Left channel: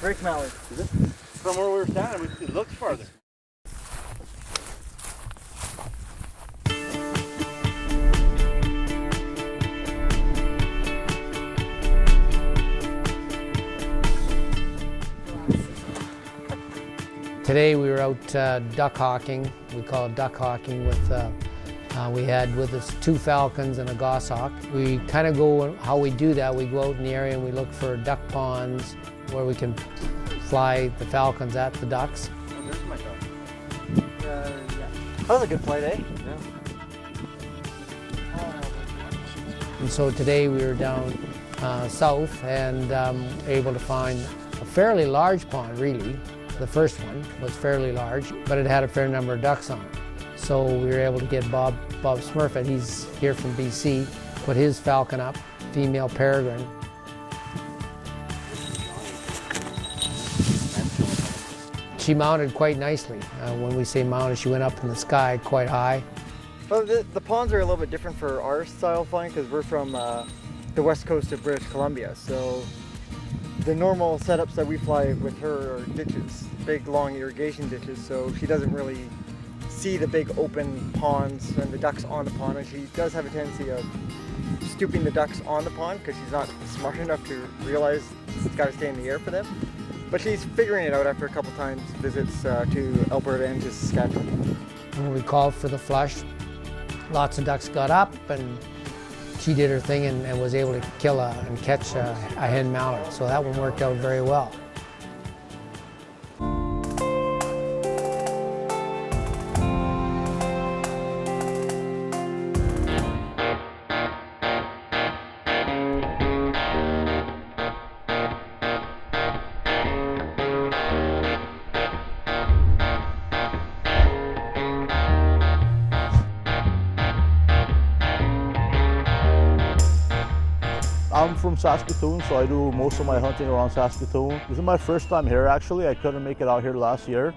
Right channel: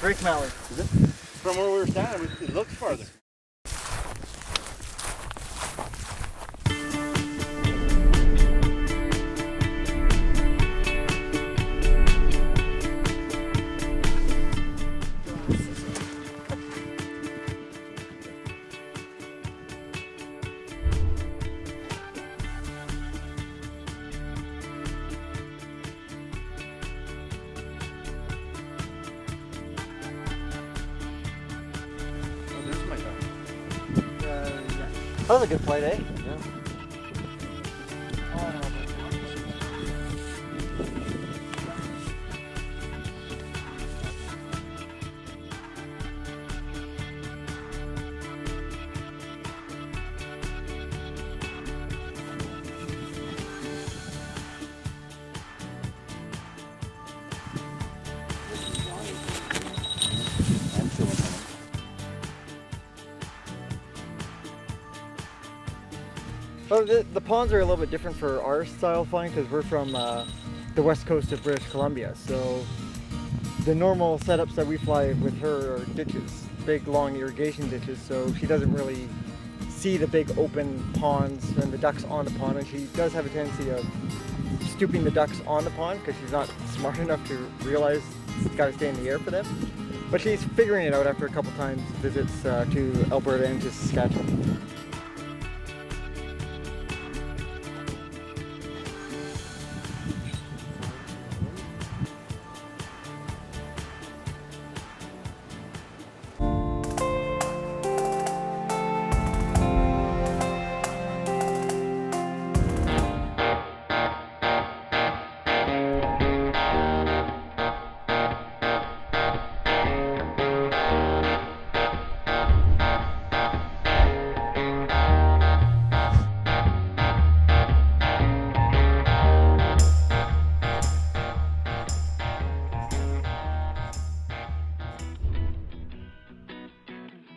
Great mallard. Is it? From where we were standing, it looks farther. Today we were out duck hawking. We call it duck hawking. We had with us 2 falcons and a goshawk. We kind of go, how we do that, we go out in the area and we look for duck ponds where we can fly the falcons at the ducks. Oh, there's my duck. Yeah. That was a good flight, eh? Yeah. And so today we were down south and able to find a fairly large pond, really. The first one was fairly large, but it had a fair number of ducks on it. So we were able to get Bob Smurfett, he's here from BC, put his falcon up, female peregrine. She mounted quite nicely. When we say mounted, she went up in the sky quite high. Well, the ponds are a little bit different for our style flying because we're from the west coast of British Columbia. So the normal setups that we fly with her are ditches, big long irrigation ditches, so she doesn't really see the big open ponds and the ducks on the pond, and she does have a tendency of stooping the ducks on the pond because she's not smart enough to realize it's got to stay in the air for them. But she's figuring it out after a couple times visits to Alberta and to Saskatchewan. When we called for the flush, lots of ducks got up and she did her thing and was able to kill and catch a hen mallard. So that one worked out very well. Saskatoon, so I do most of my hunting around Saskatoon. This is my first time here actually. I couldn't make it out here last year.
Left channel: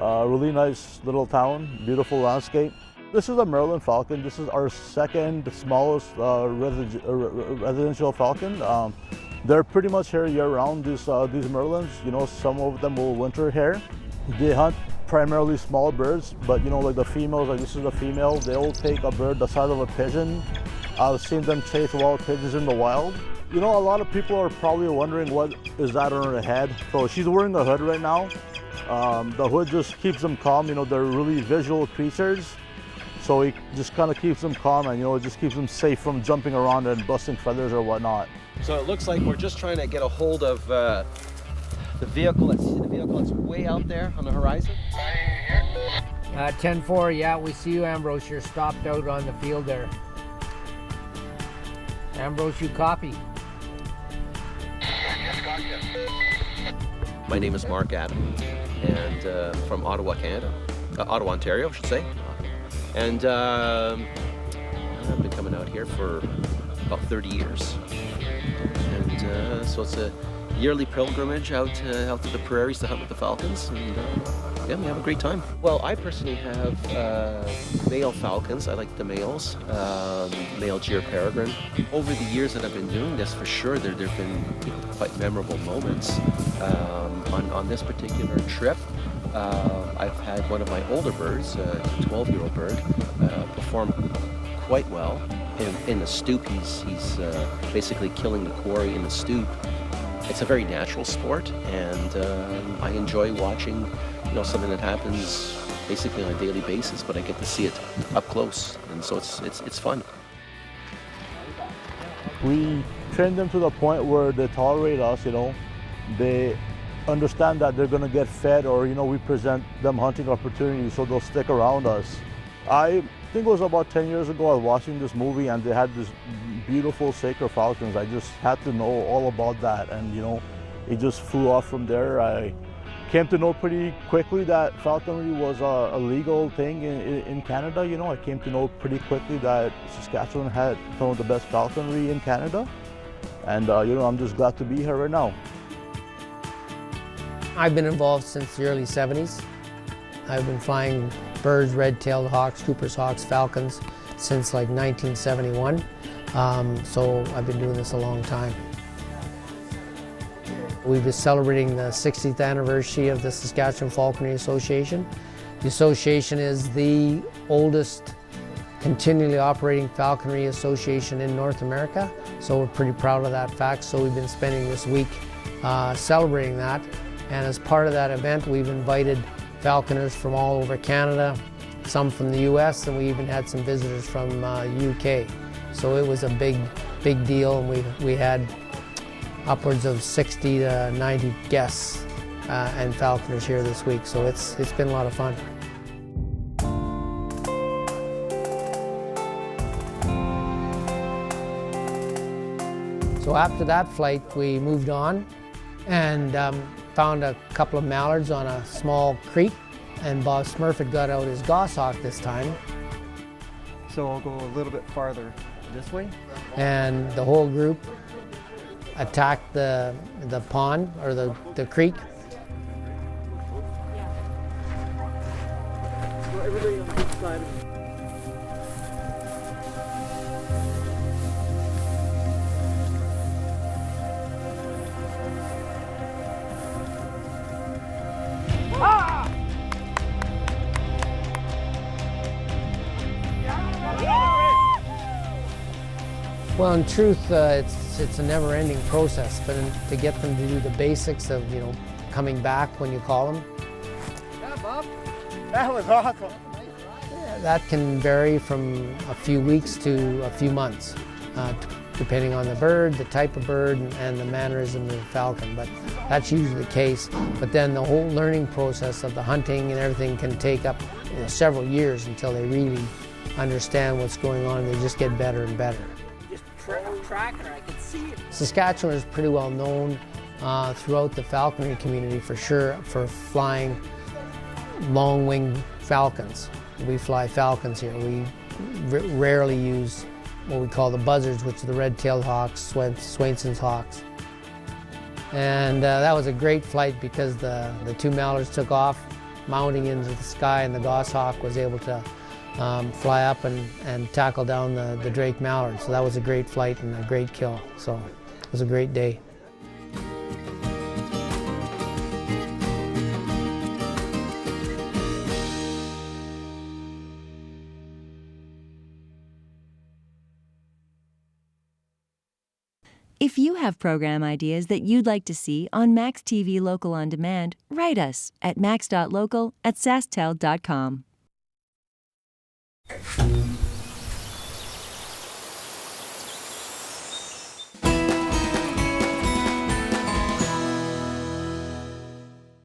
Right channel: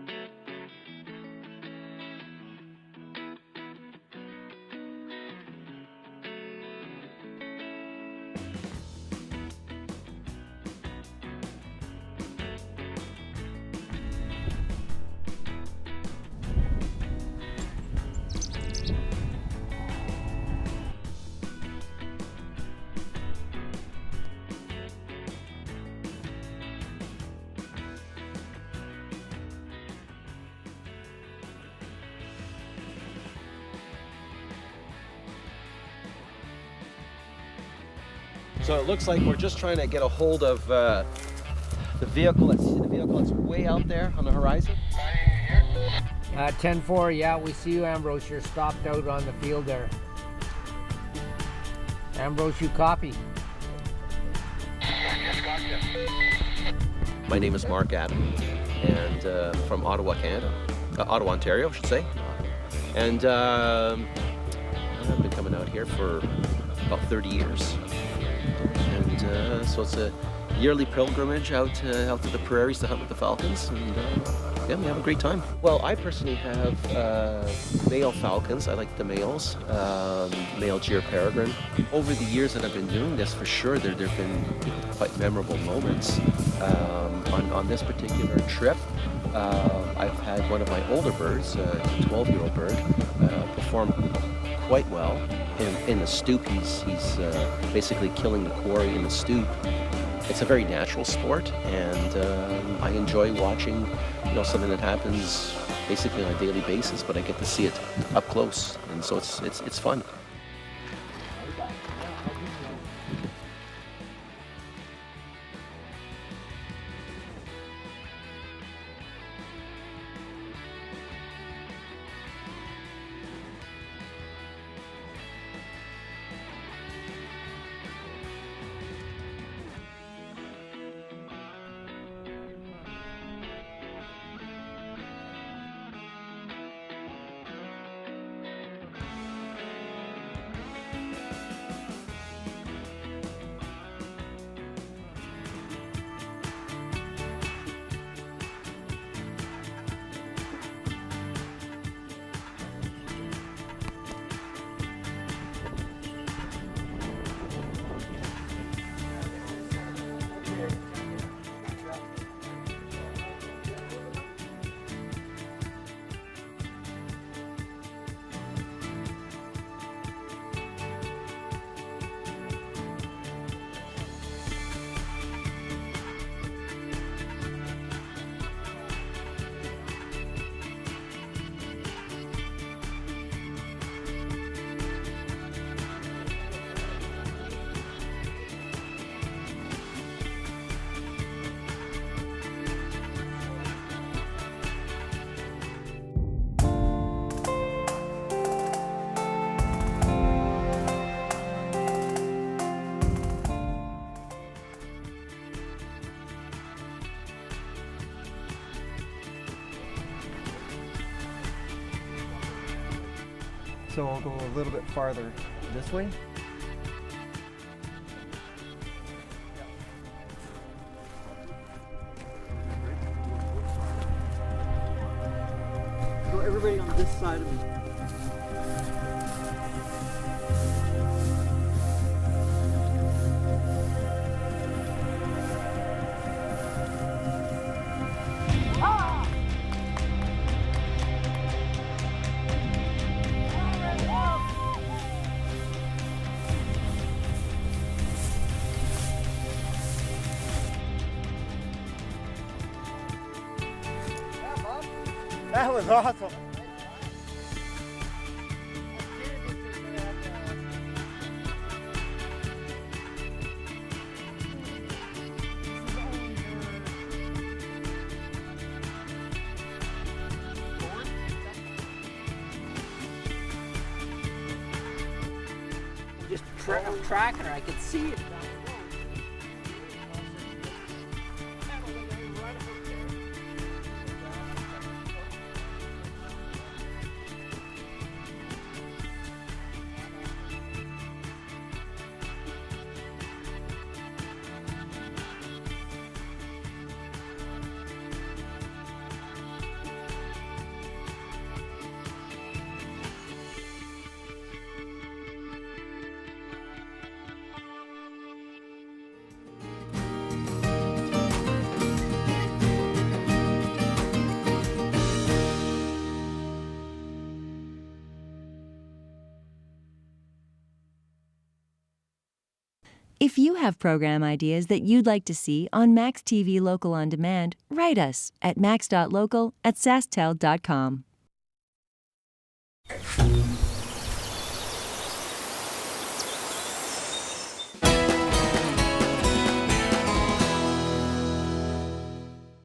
Really nice little town, beautiful landscape. This is a Maryland falcon. This is our second smallest residential falcon. They're pretty much here year-round, these Marylands. You know, some of them will winter here. They hunt primarily small birds, but you know, like the females, like this is a female, they'll take a bird the size of a pigeon. I've seen them chase wild pigeons in the wild. You know, a lot of people are probably wondering what is that on her head. So she's wearing a hood right now. The hood just keeps them calm. You know, they're really visual creatures. So it just kind of keeps them calm and, you know, it just keeps them safe from jumping around and busting feathers or whatnot. So it looks like we're just trying to get a hold of the vehicle that's way out there on the horizon. 10-4, yeah, we see you, Ambrose. You're stopped out on the field there. Ambrose, you copy. My name is Mark Adam, and from Ottawa, Canada. Ottawa, Ontario, I should say. And I've been coming out here for about 30 years. And so it's a yearly pilgrimage out to the prairies to hunt with the falcons. And yeah, we have a great time. Well, I personally have male falcons. I like the males, male Gyr peregrine. Over the years that I've been doing this, for sure, there have been quite memorable moments. On this particular trip, I've had one of my older birds, a 12-year-old bird, perform quite well. In the stoop, he's basically killing the quarry in the stoop. It's a very natural sport, and I enjoy watching, you know, something that happens basically on a daily basis, but I get to see it up close, and so it's fun. We train them to the point where they tolerate us, you know. They understand that they're going to get fed, or, you know, we present them hunting opportunities, so they'll stick around us. I think it was about 10 years ago I was watching this movie and they had this beautiful sacred falcons. I just had to know all about that, and, you know, it just flew off from there. I came to know pretty quickly that falconry was a legal thing in Canada. You know, I came to know pretty quickly that Saskatchewan had some of the best falconry in Canada, and you know, I'm just glad to be here right now. I've been involved since the early 70s. I've been flying birds, red-tailed hawks, Cooper's hawks, falcons since like 1971. So I've been doing this a long time. We were celebrating the 60th anniversary of the Saskatchewan Falconry Association. The association is the oldest continually operating falconry association in North America, so we're pretty proud of that fact. So we've been spending this week celebrating that, and as part of that event we've invited falconers from all over Canada, some from the US, and we even had some visitors from UK. So it was a big deal, and we had upwards of 60 to 90 guests and falconers here this week, so it's been a lot of fun. So after that flight, we moved on and found a couple of mallards on a small creek, and Bob Smurfett got out his goshawk this time. So I'll go a little bit farther this way. And the whole group attacked the pond, or the creek. So everybody on this side of me. Well, in truth, it's a never-ending process, but to get them to do the basics of, coming back when you call them. Yeah, Bob. That was awesome. That can vary from a few weeks to a few months, depending on the bird, the type of bird, and the mannerism of the falcon. But that's usually the case. But then the whole learning process of the hunting and everything can take up several years until they really understand what's going on, and they just get better and better. Just tracking her, I could see it. Saskatchewan is pretty well known throughout the falconry community for sure for flying long-winged falcons. We fly falcons here. We rarely use what we call the buzzards, which are the red-tailed hawks, Swainson's hawks. And that was a great flight because the two mallards took off, mounting into the sky, and the goshawk was able to fly up and tackle down the drake mallard. So that was a great flight and a great kill. So it was a great day. If you have program ideas that you'd like to see on maxTV Local On Demand, write us at max.local@sastel.com.